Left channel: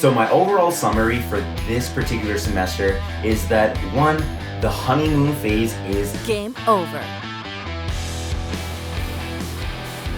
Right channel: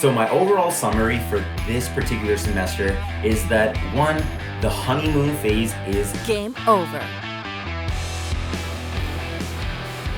So my overall summary for this particular semester is that 1, the honeymoon phase is game over.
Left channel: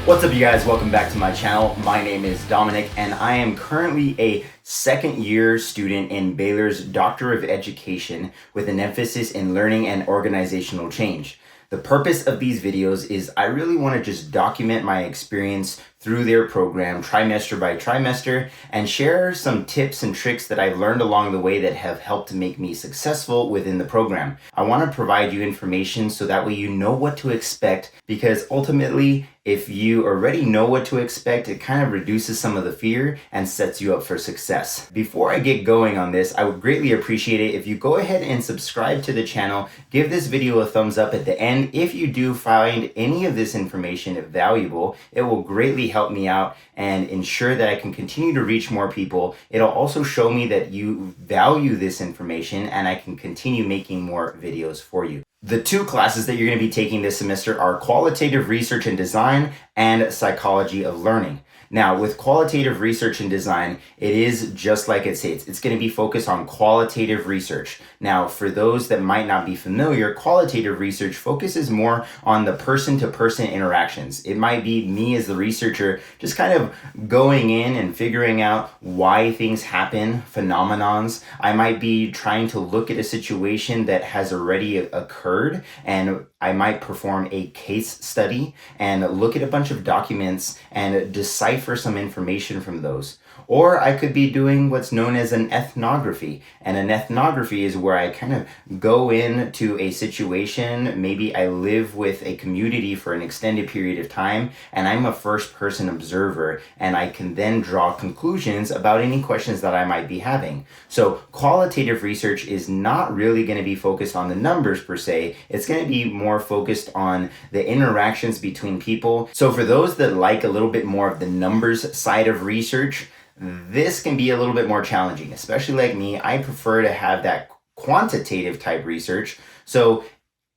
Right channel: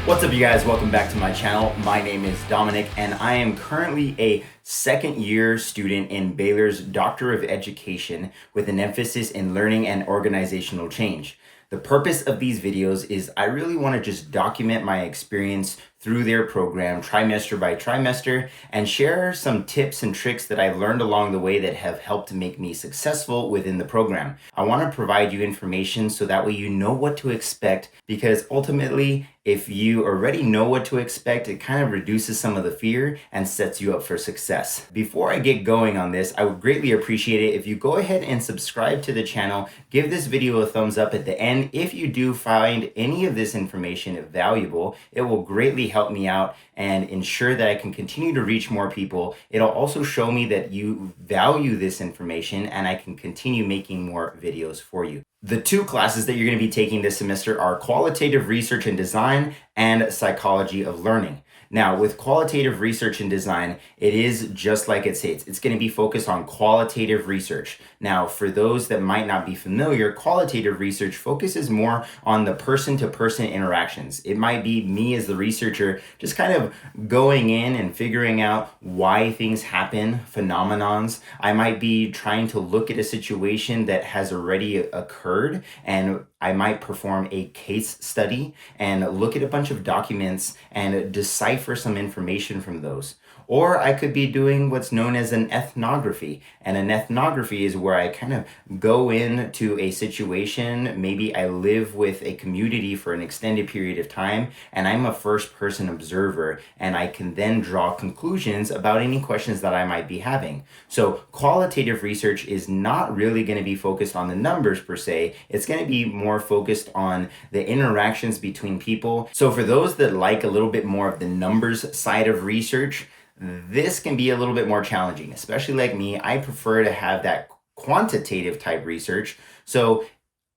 What's up, you guys? Welcome back to my channel. My name is Dominic and I am currently a second year student in Baylor's Doctor of Education with an emphasis in learning and organizational change. The purpose of these videos is I really want to just document my experience through their program trimester by trimester and share some tips and tricks that I've learned along the way that have helped make me successful within the program. I want to provide you information so that way you know what to expect, because ultimately, if you already know what to expect, it kind of reduces some of the fear and sets you up for success. Before I get going on this, I would greatly appreciate it if you go ahead and subscribe to the channel, give this video a thumbs up at the end. If you do find any of this information valuable, it will greatly help me out and ensure that I can continue to reach more people. It'll also show me that you value this information and I can continue making more videos for you. The 2 classes that you're going to be taking this semester are Qualitative Research and Design and Psychology of Learning. Now, with Qualitative Research and Design, it is just like it states. It's going to be focused on qualitative research. Now, for those that might not be familiar, qualitative research focuses more on the person-to-person interactions. It might be me as the researcher just kind of going in and figuring out why things happen, phenomenons. I might be trying to look at a situation that has already occurred, and I might perform a case study and look at a bunch of documents and decipher some information from those. Or I could be doing what's known as an ethnography. And an ethnography is where I kind of go into a situation. Maybe I live with a community for an extended period of time, and I'm a first-person observer, and I can then draw conclusions about any questions that I might be having. So qualitative research is not really going to be focused on the numbers per se. It's going to be more focused on the interactions between people. So for those that like a little bit more of the numbers side of research, this can be a little bit more challenging, especially like me. I prefer to have that quantitative type research. So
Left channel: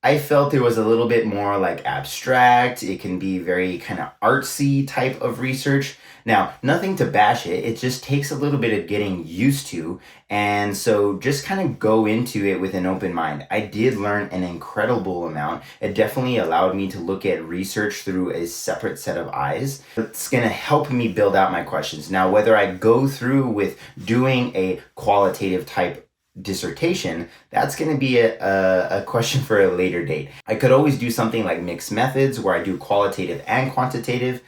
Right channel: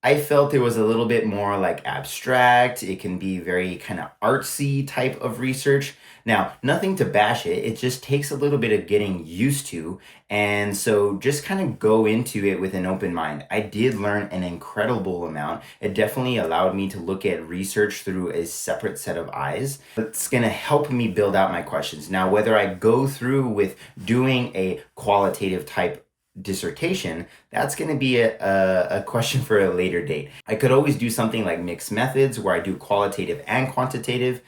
I felt it was a little bit more like abstract. It can be very kind of artsy type of research. Now, nothing to bash it. It just takes a little bit of getting used to. And so just kind of go into it with an open mind. I did learn an incredible amount. It definitely allowed me to look at research through a separate set of eyes. It's going to help me build out my questions. Now, whether I go through with doing a qualitative type dissertation, that's going to be a question for a later date. I could always do something like mixed methods where I do qualitative and quantitative.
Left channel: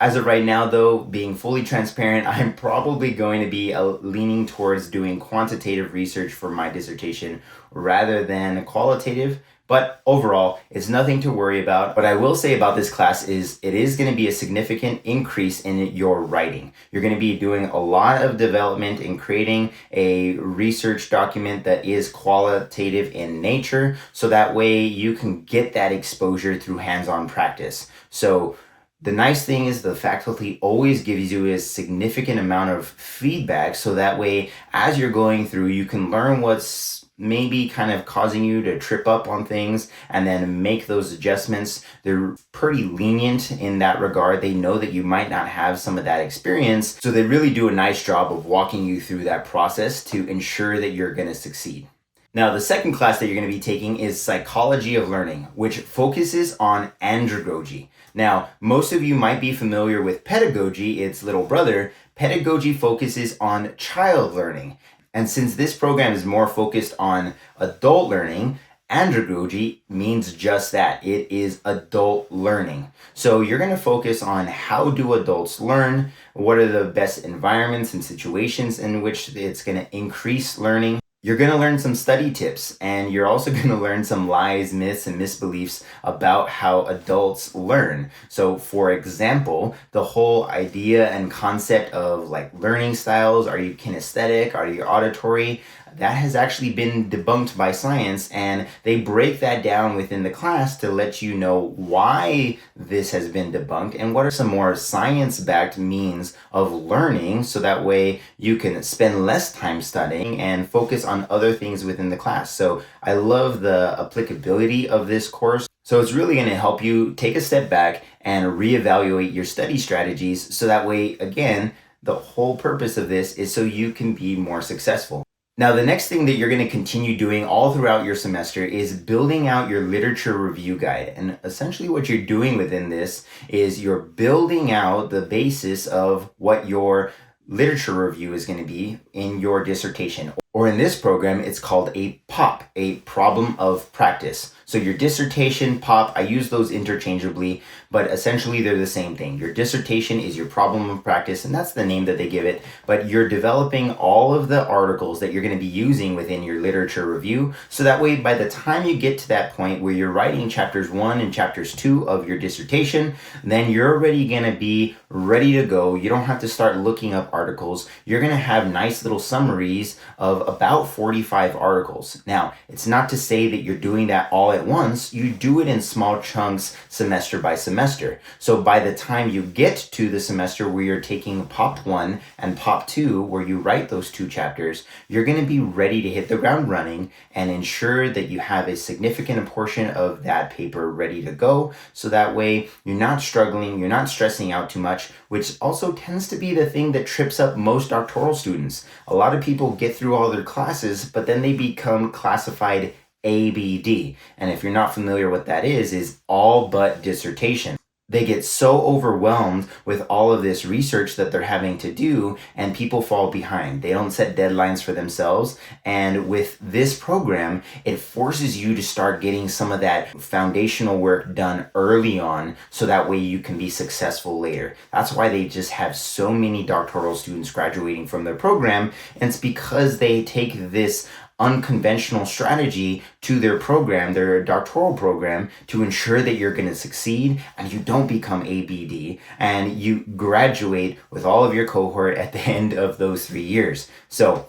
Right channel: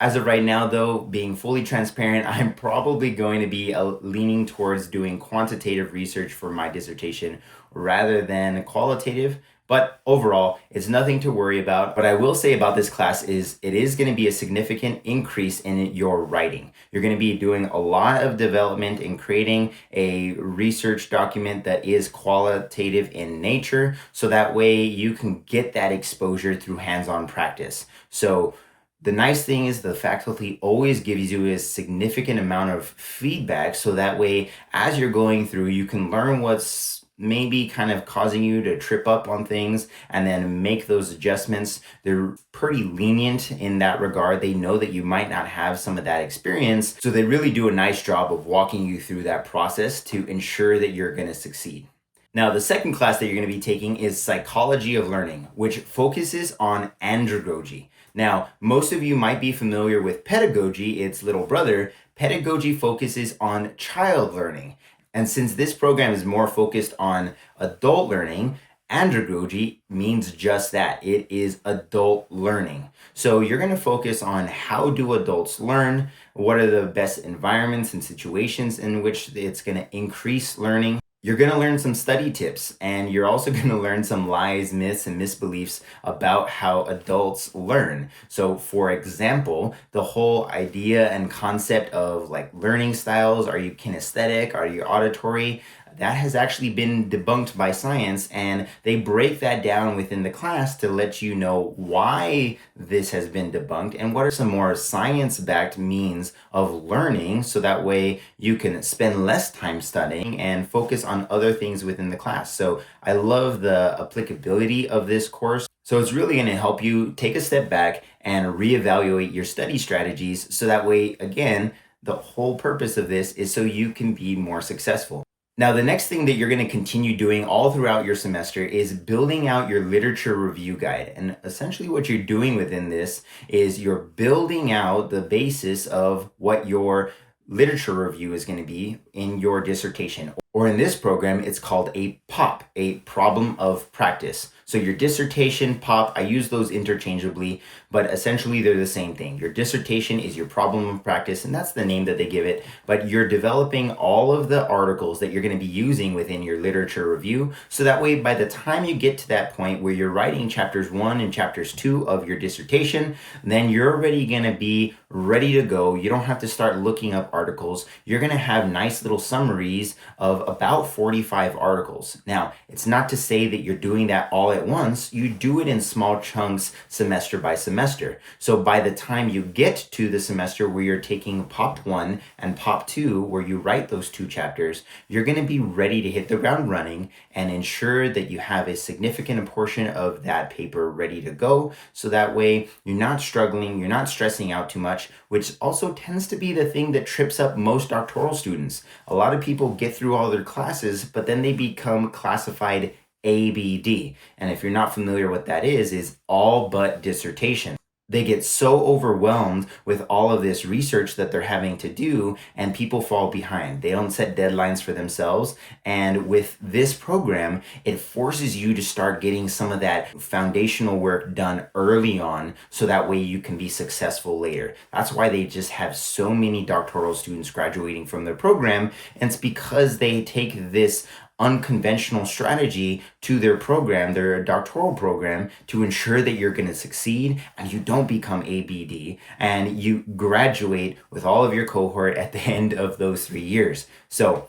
As of right now, though, being fully transparent, I'm probably going to be leaning towards doing quantitative research for my dissertation rather than qualitative. But overall, it's nothing to worry about. What I will say about this class is it is going to be a significant increase in your writing. You're going to be doing a lot of development in creating a research document that is qualitative in nature, so that way you can get that exposure through hands-on practice. So the nice thing is the faculty always gives you a significant amount of feedback, so that way as you're going through, you can learn what's maybe kind of causing you to trip up on things and then make those adjustments. They're pretty lenient in that regard. They know that you might not have some of that experience, so they really do a nice job of walking you through that process to ensure that you're going to succeed. Now, the second class that you're going to be taking is Psychology of Learning, which focuses on andragogy. Now, most of you might be familiar with pedagogy, its little brother. Pedagogy focuses on child learning. And since this program is more focused on adult learning, andragogy means just that. It is adult learning. So you're going to focus on how do adults learn, what are the best environments and situations in which it's going to increase learning. You're going to learn some study tips, and you're also going to learn some lies, myths, and misbeliefs about how adults learn. So for example, the whole idea and concept of like learning styles, are you kinesthetic, are you auditory? That has actually been debunked by science, and they break that down within the class to let you know why this has been debunked and what are some more science-backed means of learning, so that way you can spend less time studying and focus on other things within the class. So I love the applicability of this course. So it's really going to help you take a step back and reevaluate your study strategies, so that way, again, The whole purpose of this is so you can be more successful. Now, the next thing that you're going to continue doing all throughout your semester is building out your literature review guide. And essentially what you're doing within this is you're building out the basis of what your literature review is going to be in your dissertation. Or in this program, it's called a POP, a problem of practice. So your dissertation, POP, I use those interchangeably, but essentially they're the same thing. Your dissertation is your problem of practice, and that's the name that they give it, but you're developing all of the articles that you're going to be using within your literature review, so that way by the time you get to that point where you're writing chapters 1 and chapters 2 of your dissertation, then you're already going to be ready to go. You don't have to start looking up articles. You're going to have nice little summaries of about 45 articles. Now, it's not to say that you're doing that all at once. You do it in small chunks semester by semester. So by the time you get to the semester where you're taking POP 1 and POP 2, where you write those 2 chapters, you're going to be ready to hit the ground running and ensure that you have a significant portion of that paper ready to go. So that way you're not struggling, you're not stressing out too much, which also tends to be the thing that trips up most doctoral students. A lot of people get through all their classes, but then they become classified ABD. And if you're not familiar what that is all but dissertation. They get so overwhelmed with all of this research that they're having to do, and people fall behind. They don't set deadlines for themselves. And with this program, it forces you to start getting some of that foundational work done early on, so that way you can be successful later. That's why they just have so many doctoral students graduating from their program. And it's because they take this unconventional strategy to their program, their doctoral program, to ensure that you're going to succeed and you don't become ABD and you graduate with all of your cohort at the end of those 3 years. So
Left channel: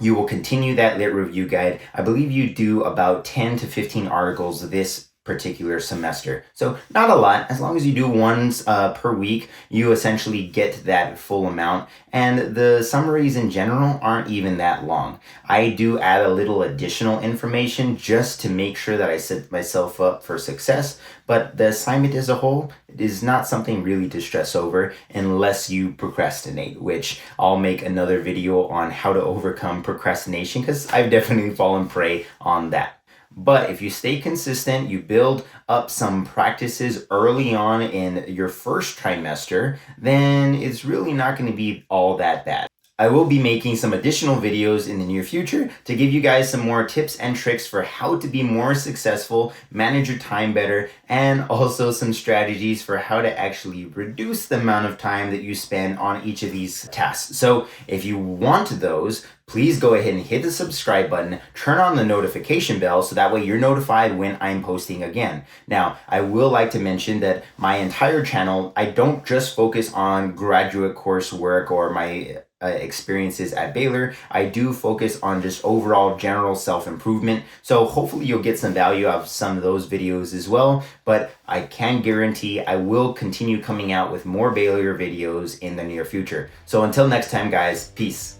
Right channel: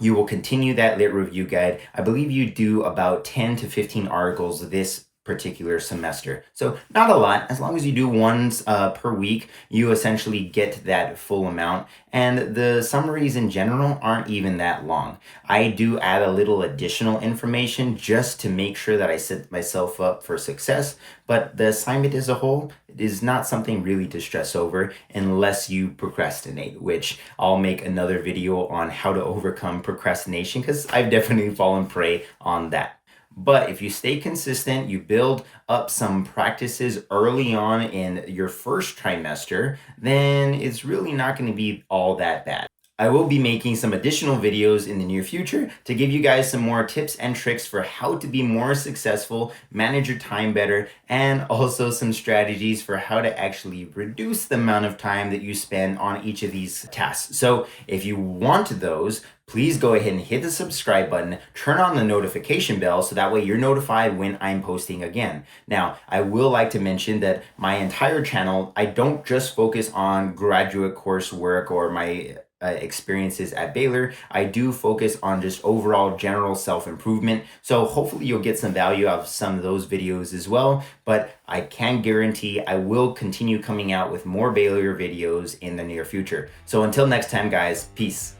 you will continue that lit review guide. I believe you do about 10 to 15 articles this particular semester. So not a lot. As long as you do ones per week, you essentially get that full amount. And the summaries in general aren't even that long. I do add a little additional information just to make sure that I set myself up for success. But the assignment as a whole is not something really to stress over unless you procrastinate, which I'll make another video on how to overcome procrastination, because I've definitely fallen prey on that. But if you stay consistent, you build up some practices early on in your first trimester, then it's really not going to be all that bad. I will be making some additional videos in the near future to give you guys some more tips and tricks for how to be more successful, manage your time better, and also some strategies for how to actually reduce the amount of time that you spend on each of these tasks. So if you want those, please go ahead and hit the subscribe button, turn on the notification bell so that way you're notified when I'm posting again. Now, I will like to mention that my entire channel, I don't just focus on graduate coursework or my experiences at Baylor. I do focus on just overall general self-improvement. So hopefully you'll get some value out of some of those videos as well. But I can guarantee I will continue coming out with more Baylor videos in the near future. So until next time, guys, peace.